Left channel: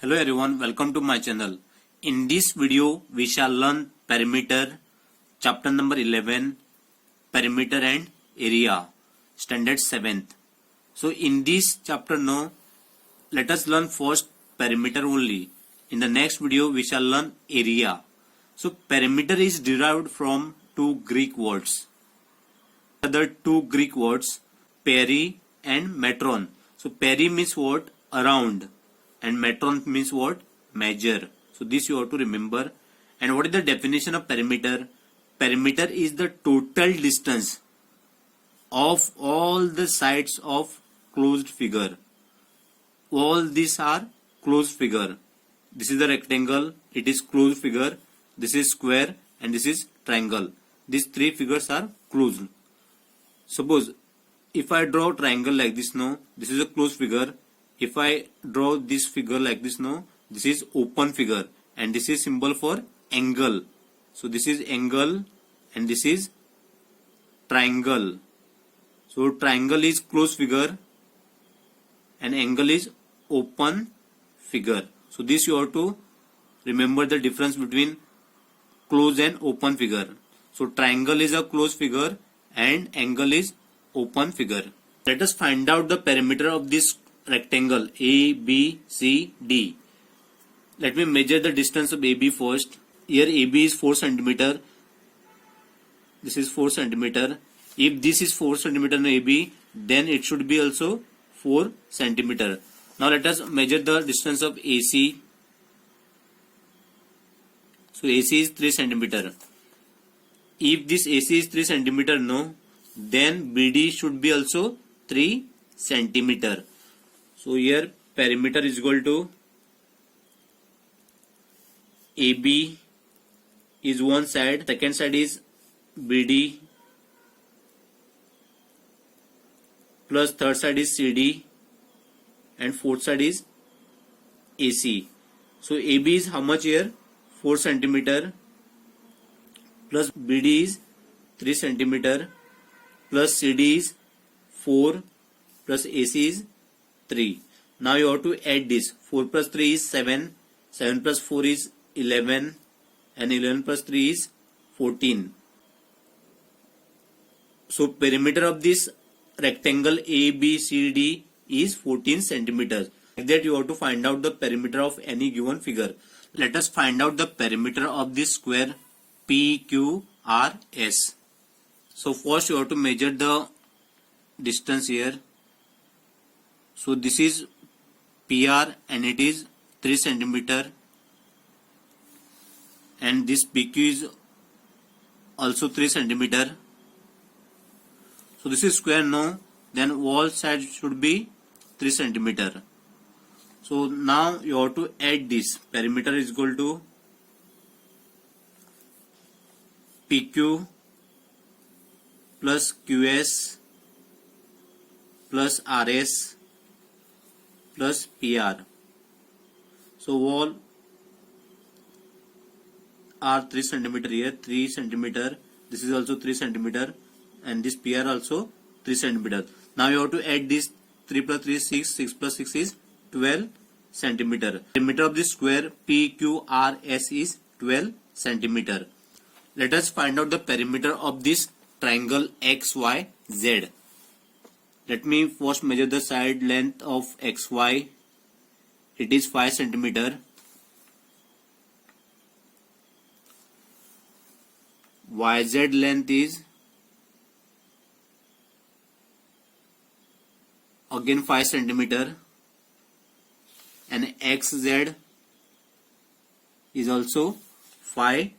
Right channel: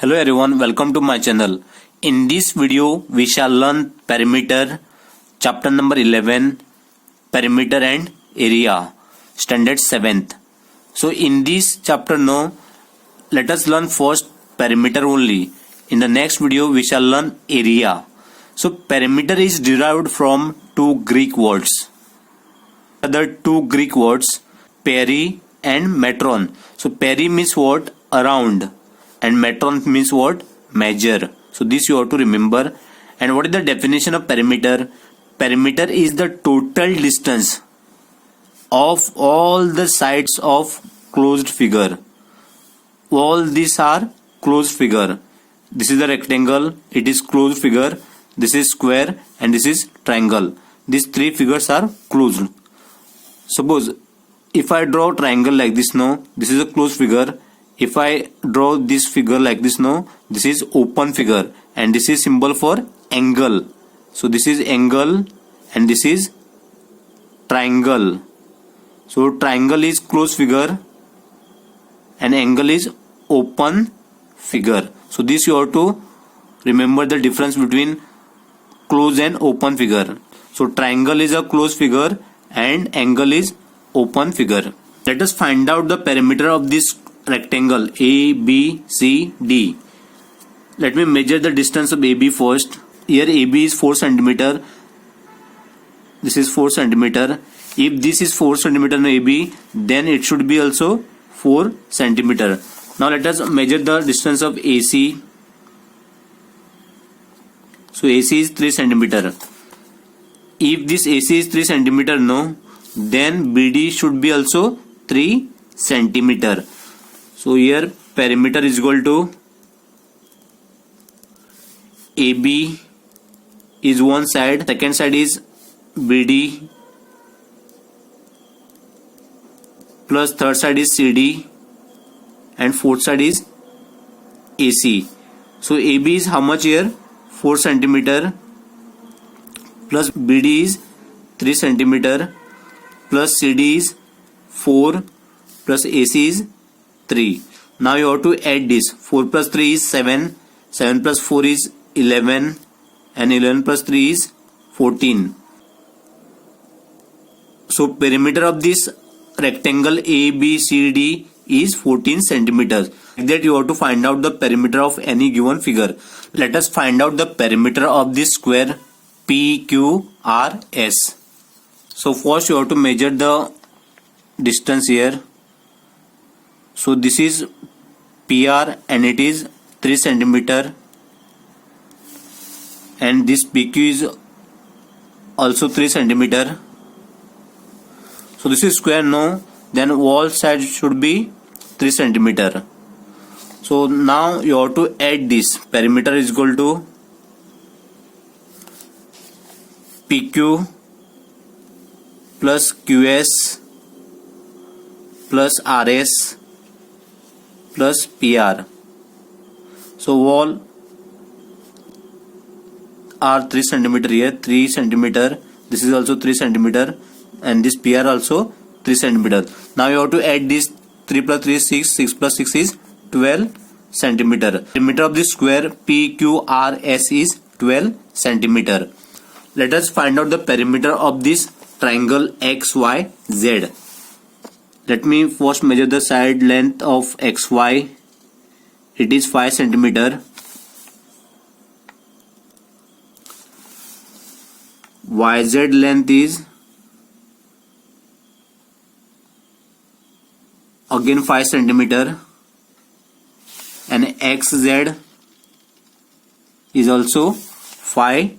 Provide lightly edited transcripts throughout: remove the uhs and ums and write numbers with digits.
Hello everyone, welcome to my channel. In this video, we shall learn perimeter, chapter number 11, perimeter and area, standard 7th. So in this chapter now, let us learn first perimeter only. In the next video, we shall learn area. So perimeter is derived from two Greek words. Other two Greek words, peri and metron. So peri means what? Around. And metron means what? Measure. So this you have to remember. And what is the definition of perimeter? Perimeter is the total distance of all the sides of closed figure. All these are closed figure. This is the rectangle, it is closed figure. This is square and this is triangle. These three figures are closed. Suppose if I draw triangle like this now, this is a closed figure. If I draw this figure like this now, this is open figure and this is symbol for angle. So this is angle and this is triangle. So triangle is closed figure and angle is open figure. So this you have to remember the difference between closed and open figure. So triangle is a closed figure and angle is open figure. Let us find out the perimeter of this rectangle A, B, C, D. Let me measure the distance of AB first. Here AB is 4 cm. This is 4 cm. If this is 4 cm in AB, then it should be also 4 cm. Now let us measure the distance of AC. So AC is 3 cm. If this AC is 3 cm, no, then BD should be also 3 cm. So here perimeter is equal to AB is one side, second side is BD plus third side is CD and fourth side is AC. So AB is how much here? 4 cm plus BD is 3 cm plus CD is 4 plus AC is 3. Now you have to add this. 4 plus 3 is 7. 7 plus 4 is 11. And 11 plus 3 is 14. So perimeter of this rectangle ABCD is 14 centimeters. Like that you have to find out the perimeter of any given figure. Let us find out the perimeter of this square PQRS. So first you have to measure the distance here. So this is PR and it is 3 cm and this PQ is also 3 cm. So this is square, no, then all sides should be 3 cm. So now you have to add this. Perimeter is equal to PQ plus QS plus RS plus PR. So all are 3 cm here, 3 cm. This is also 3 cm and this PR also 3 cm. Now you have to add this. 3 plus 3 is 6, 6 plus 6 is 12 cm. Perimeter of this square PQRS is 12 cm. Let us find out the perimeter of this triangle XYZ. Let me first measure the side length of XY. It is 5 cm. YZ length is again 5 cm. And XZ is also 5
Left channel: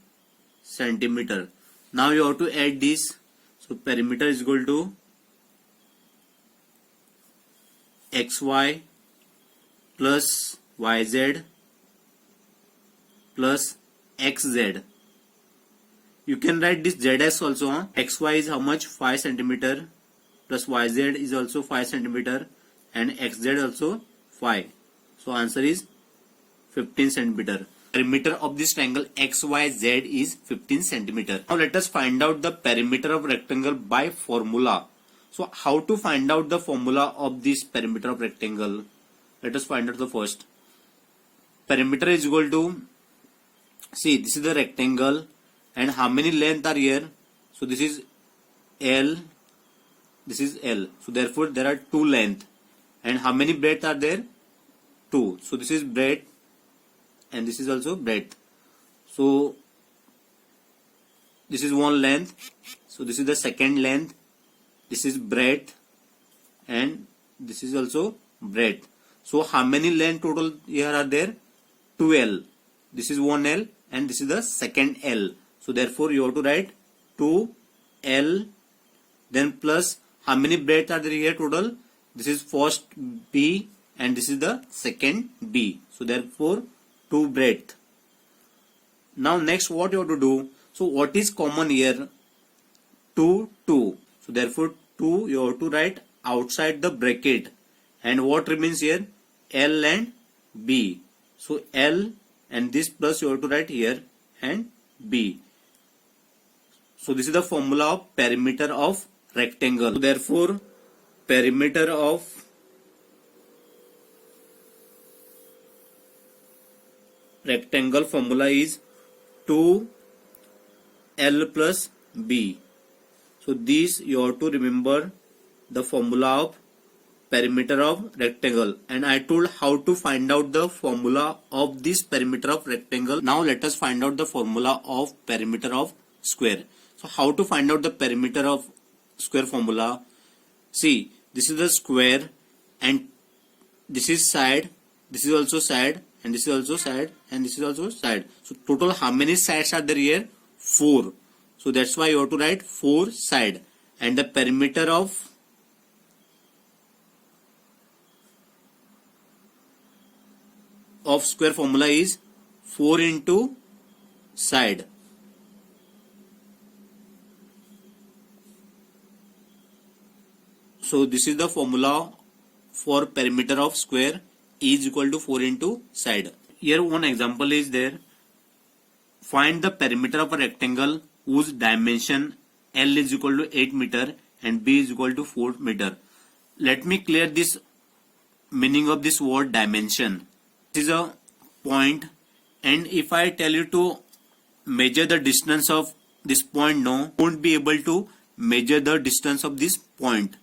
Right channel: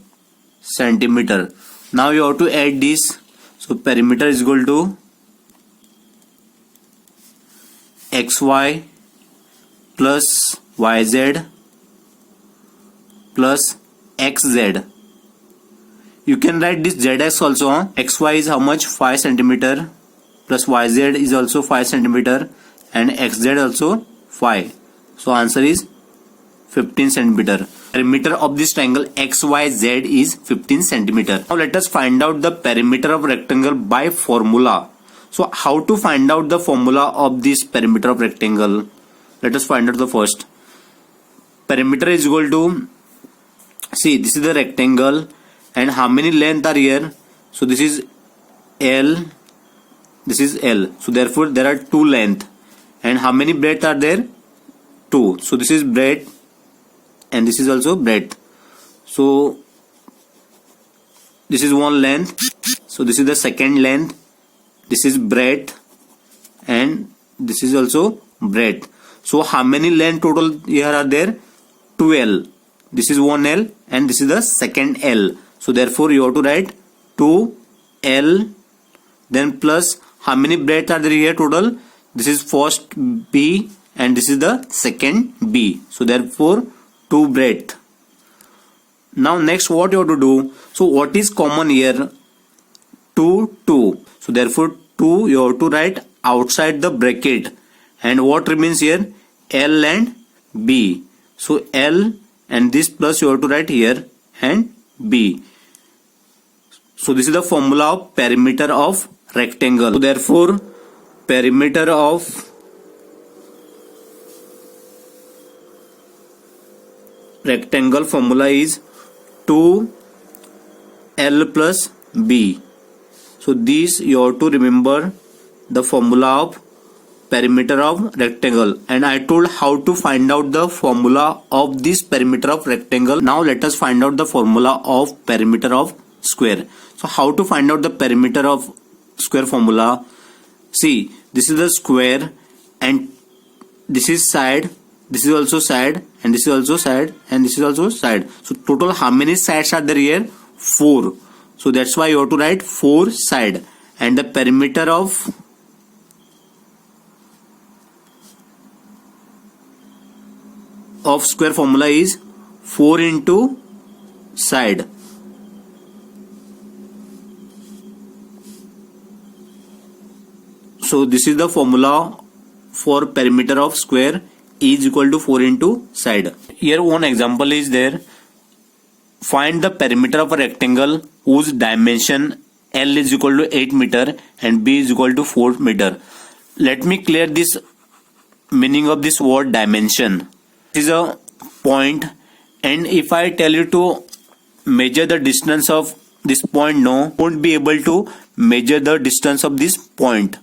cm. Now you have to add this. So perimeter is equal to XY plus YZ plus XZ. You can write this ZX also. XY is how much? 5 cm plus YZ is also 5 cm and XZ also 5. So answer is 15 cm. Perimeter of this triangle XYZ is 15 cm. Now let us find out the perimeter of rectangle by formula. So how to find out the formula of this perimeter of rectangle? Let us find out the first. perimeter is equal to, see, this is the rectangle and how many length are here? So this is L, this is L. So therefore there are two length. And how many breadth are there? 2. So this is breadth and this is also breadth. So this is one length. So this is the second length. This is breadth and this is also breadth. So how many length total here are there? 2L. This is one L and this is the second L. So therefore you have to write 2L, then plus how many breadth are there here total? This is first B and this is the second B. So therefore 2 breadth. Now next what you have to do? So what is common here? 2, 2. So therefore 2 you have to write outside the bracket. And what remains here? L and B. So L and this plus you have to write here and B. So this is the formula of perimeter of rectangle. So therefore perimeter of rectangle formula is 2L plus B. So this you have to remember the formula of perimeter of rectangle, and I told how to find out the formula of this perimeter of rectangle. Now let us find out the formula of perimeter of square. So how to find out the perimeter of square formula? See, this is the square and this is side, this is also side and this is also side and this is also side. So total how many sides are there here? 4. So that's why you have to write 4 side, and the perimeter of square formula is 4 into side. So this is the formula for perimeter of square is equal to 4 into side. Here one example is there. Find the perimeter of a rectangle whose dimension L is equal to 8 meter and B is equal to 4 meter. Let me clear this meaning of this word dimension. This is a point, and if I tell you to measure the distance of this point, no, won't be able to measure the distance of this point.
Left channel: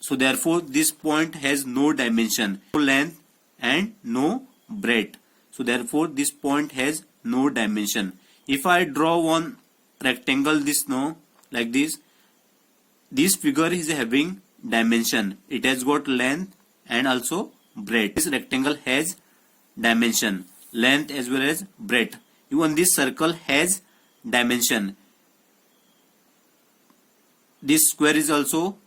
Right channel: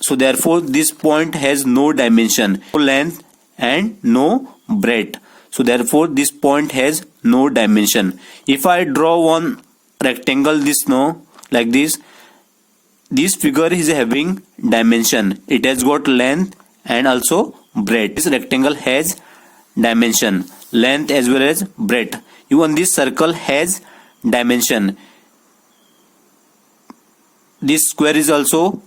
So therefore this point has no dimension, no length and no breadth. So therefore this point has no dimension. If I draw one rectangle this, no, like this figure is having dimension. It has got length and also breadth. This rectangle has dimension, length as well as breadth. Even this circle has dimension. This square is also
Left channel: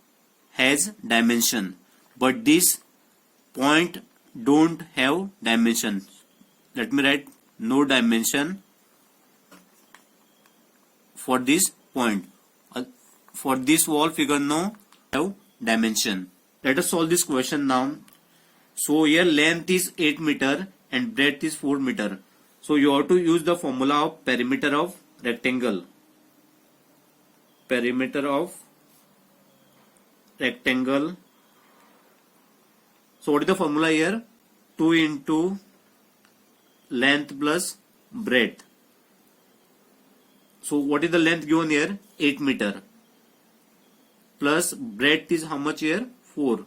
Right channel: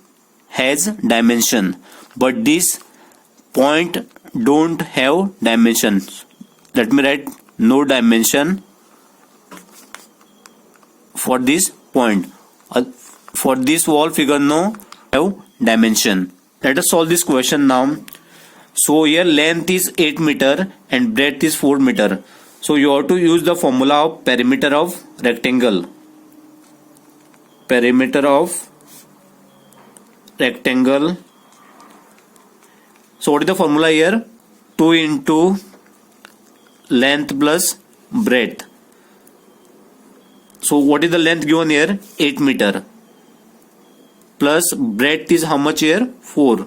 has dimension, but this point don't have dimension. Let me write no dimension for this point. For this wall figure, no have dimension. Let us solve this question now. So here length is 8 meter and breadth is 4 meter. So you have to use the formula of perimeter of rectangle. Perimeter of rectangle. So what is the formula here? 2 into length plus breadth. So what is the length given here? 8 meter. Plus breadth is how much here? 4.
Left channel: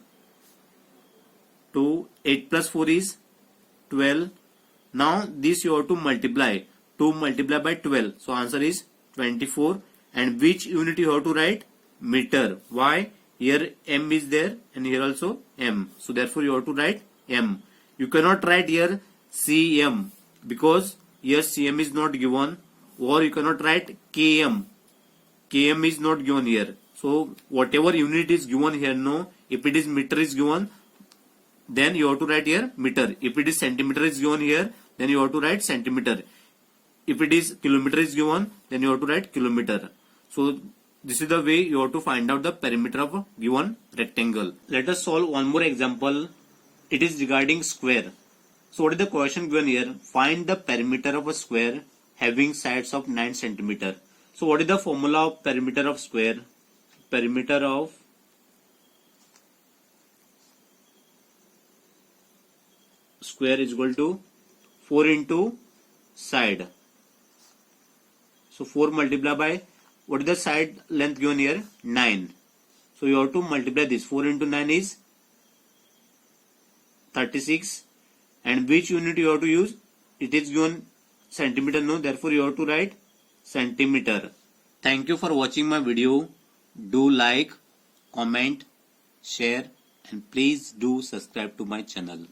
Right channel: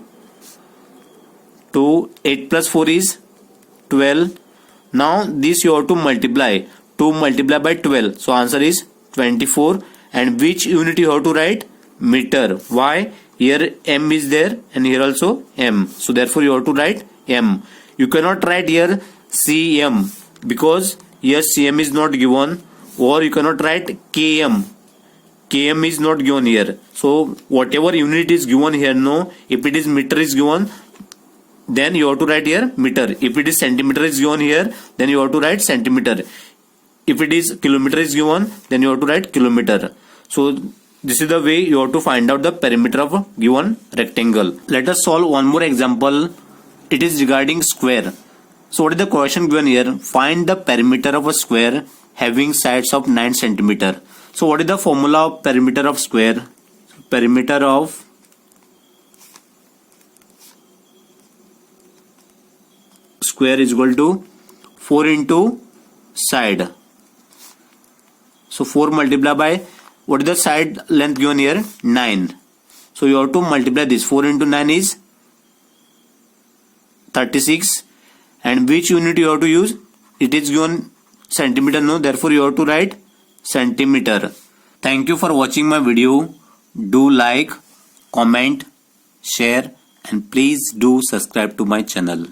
2, 8 plus 4 is 12. Now this you have to multiply. 2 multiply by 12. So answer is 24. And which unit you have to write? Meter. Why? Here M is there and here also M. So therefore you have to write M. You cannot write here CM because here CM is not given, or you cannot write KM. KM is not given here. So whatever unit is given here, no, if it is meter is given, then you have to write here meter. If it is centimeter is given here, then you have to write centimeter. If it is kilometer is given, then you have to write kilometer. So this is the way you have to find out the perimeter of a given rectangle. Let us solve one more example. It is regarding square. So what is the question given here? Find the perimeter of a square having sides of 9 centimeter. So what is the formula of perimeter of square? Perimeter of square is equal to 4 into side. So 4 multiplied by, what is the side length given here? 9. So you have to multiply this. 4 into 9 is 36. And which unit you have to use? It is given centimeter, no? Therefore you have to write centimeter. Thank you for watching my video. Do like, comment, share, and please do subscribe to my channel.